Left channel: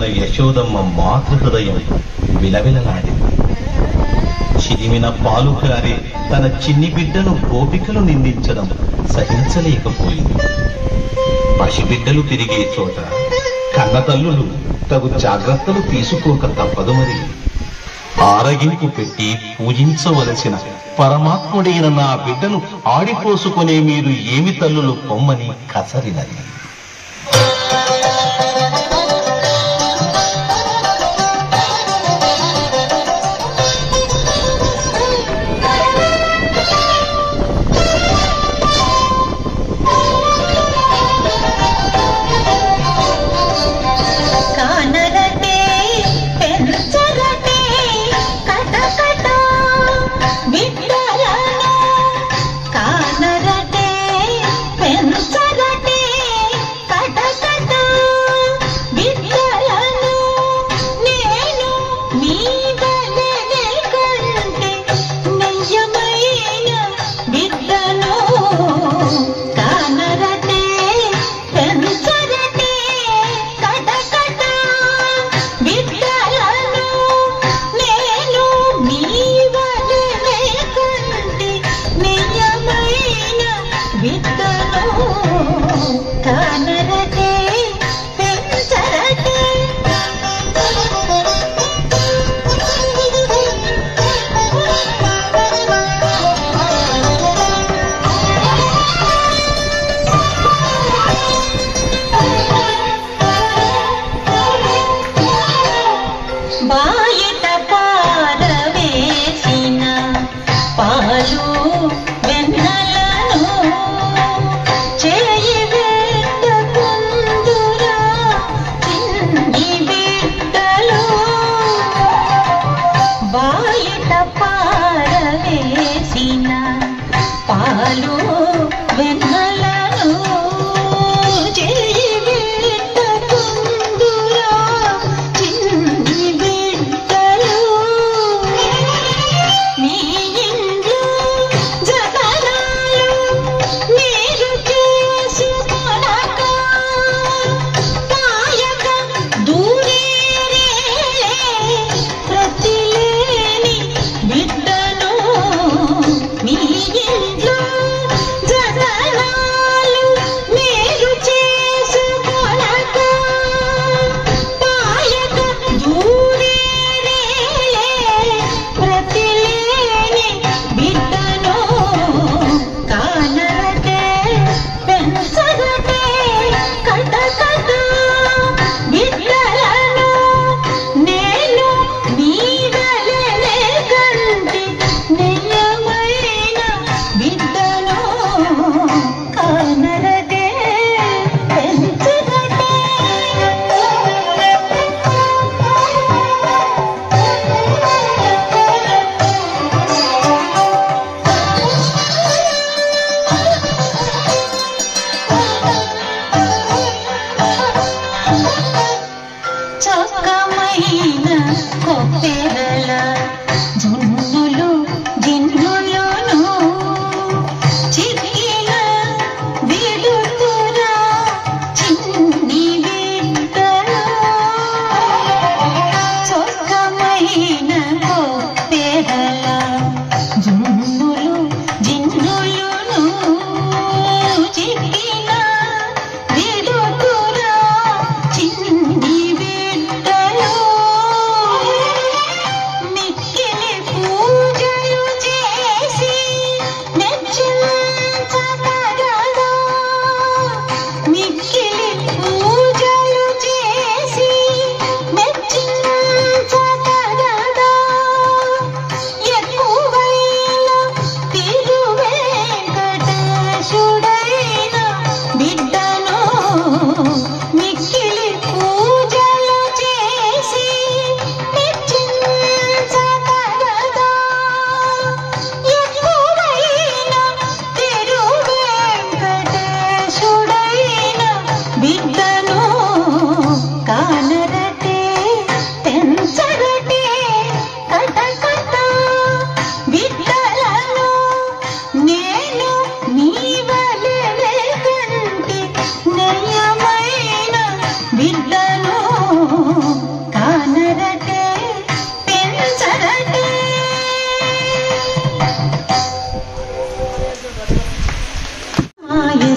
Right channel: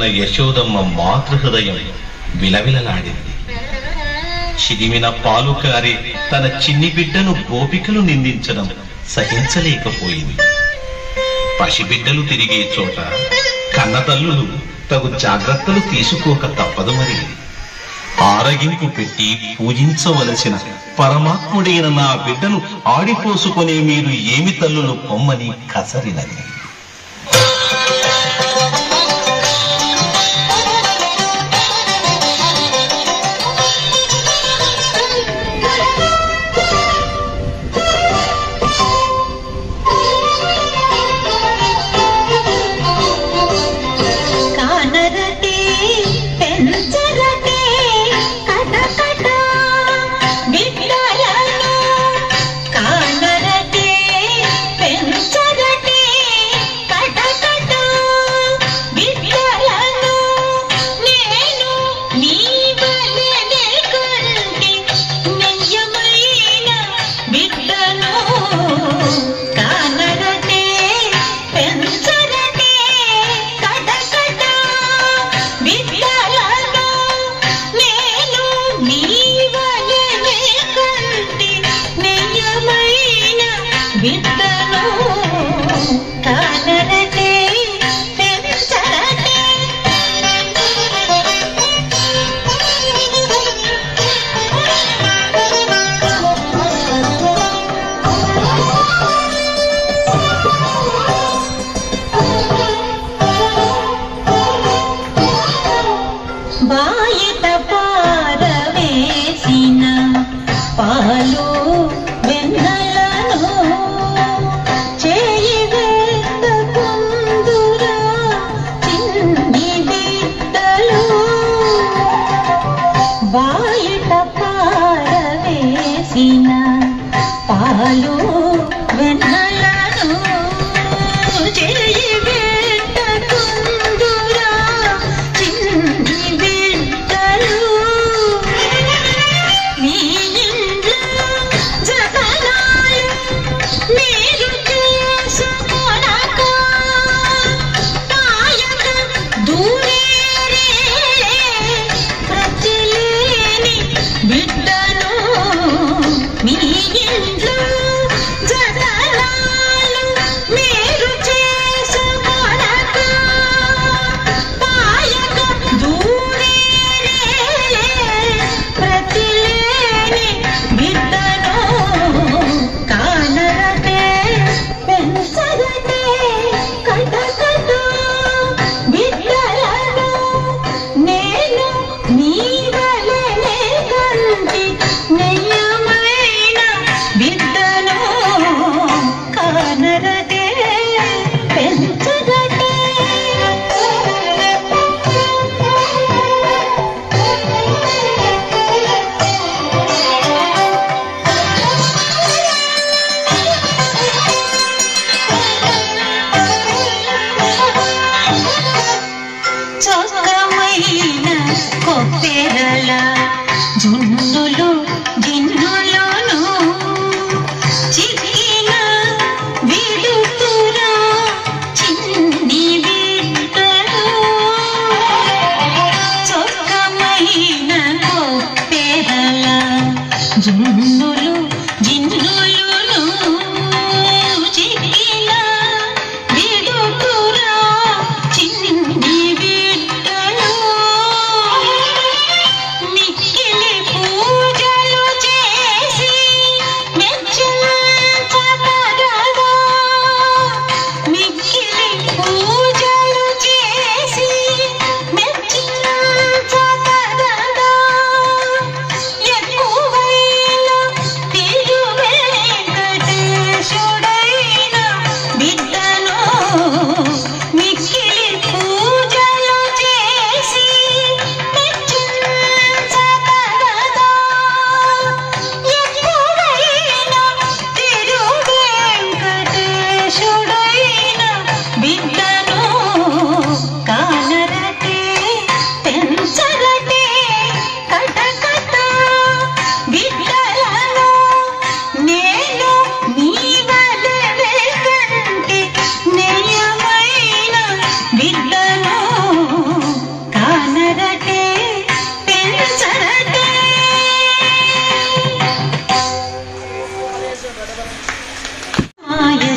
ఉన్న యశోదమ్మ మాతృహృదయం విలవిలలాడింది. చిరిమిన పాలు కారి తన చిన్ని బిడ్డను గోపికలు నిందించడం సహించలేకపోయింది. పసిబిడ్డలు తిరిగే చోట కన్నతల్లులు తగు జాగ్రత్తలు తీసుకోక తప్పదు. మరి ఆరగింపు పెట్టి పూజించవలసిన పరమాత్ముడైన నా బిడ్డను ఆడిపోసుకునే మీరు ఏమి తల్లులు పొమ్మని కసరినది.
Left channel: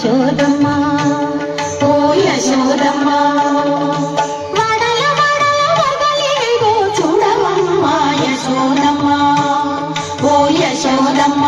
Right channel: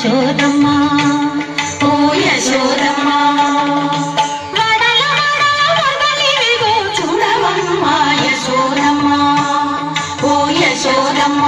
యశోదమ్మ ఓ యశోదమ్మ వడల వడల వదలివిగో చూడవమ్మ యశోదమ్మ ఓ యశోదమ్మ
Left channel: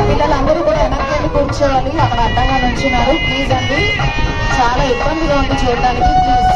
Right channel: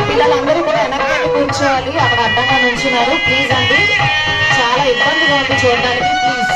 పిల్లలందరూ కూడా వెనక్కి కూర్చోవాలి. అక్కడ అడ్డంగా నుంచున్నారు. ప్లీజ్ అండి, చాలా ఇబ్బందిగా ఉంది చూడడానికి. ప్లీజ్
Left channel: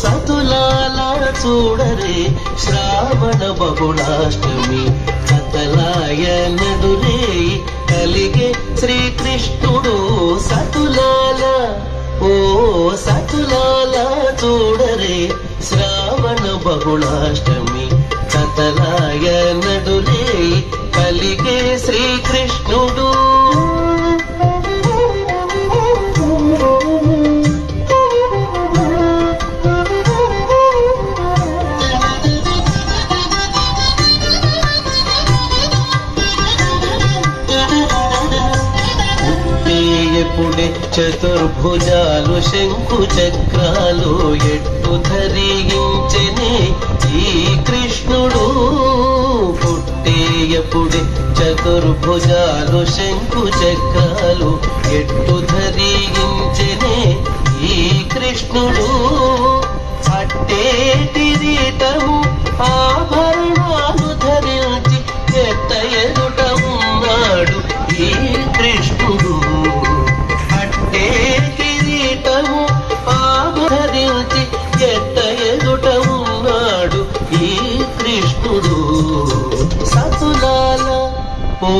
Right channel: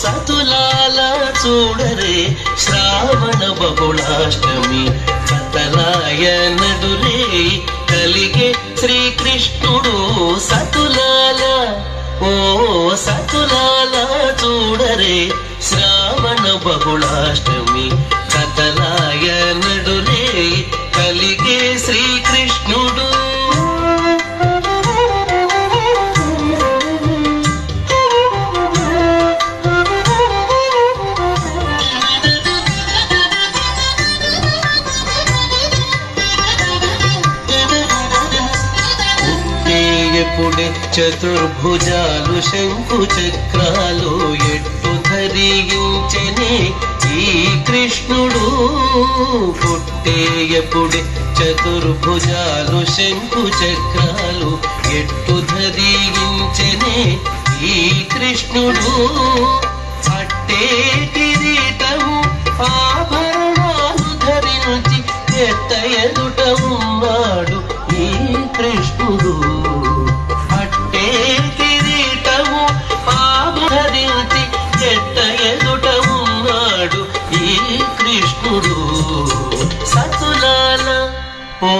సతులాల చూడరే శ్రావణ బహుళాష్టమి సతలాయ నడురే కలిగే శ్రీకృష్ణుడు సతులాల ఓ సతులాల చూడరే శ్రావణ బహుళాష్టమి సతలాయ నడురే కలిగే శ్రీకృష్ణుడు చతుర్భుజాలు శంకు చక్రాలు ఎట్టు ధరించెనే ఈ కృష్ణుడు పుట్టేయపుడే చతుర్భుజాలు శంకు చక్రాలు ఎట్టు ధరించెనే ఈ కృష్ణుడు పట్టే కిరీటము ఆభరణాలు ధరించి ఎట్ట ఎదుట ఉన్నాడు ఈ కృష్ణుడు కిరీటము ఆభరించి ఎట్ట ఎదుట ఉన్నాడు ఈ కృష్ణుడు సతులాల ఓ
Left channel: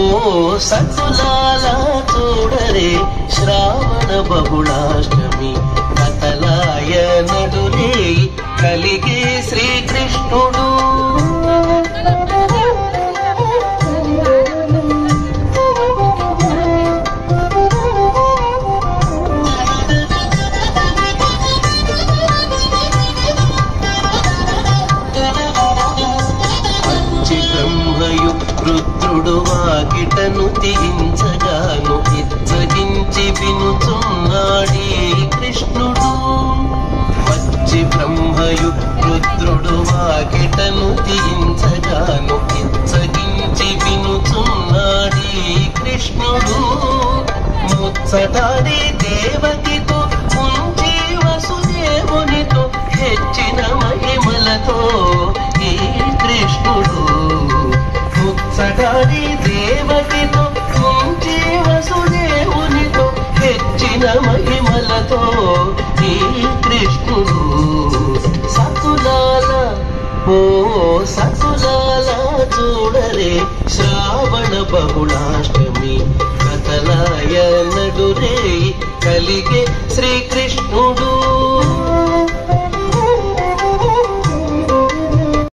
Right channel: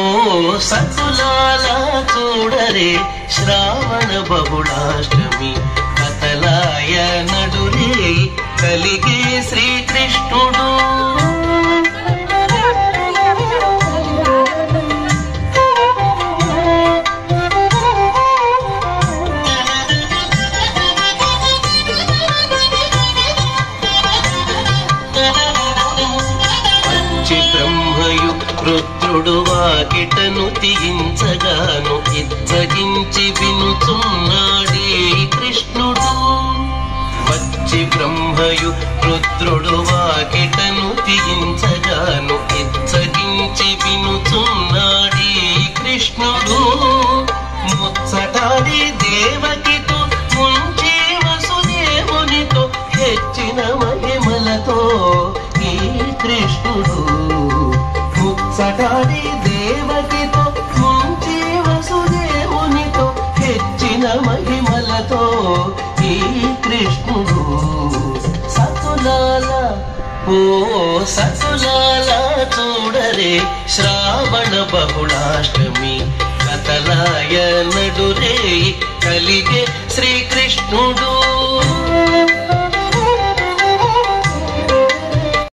సతులాల చూడరే శ్రావణ బహుళాష్టమి కతలాయ నడురే కలిగే శ్రీకృష్ణుడు రుద్రుడు వాకిటను తీయించగాను ఇచ్చగించి వినుచున్నాడే కృష్ణుడు వచ్చి బ్రహ్మయు రుద్రుడు వాకిటను తీయించగాను ఇచ్చగించి వినుచున్నాడే కృష్ణుడు ముచ్చటాడి దేవకితో ముంచి వసుదేవునితో హెచ్చిన మహిమలతో ఈ కృష్ణుడు ముచ్చటాడి దేవకితో ముంచి వసుదేవునితో హెచ్చిన మహిమలతో ఈ కృష్ణుడు సతులాల ఓ సతులాల చూడరే శ్రావణ బహుళాష్టమి కతలాయ నడురే కలిగే శ్రీకృష్ణుడు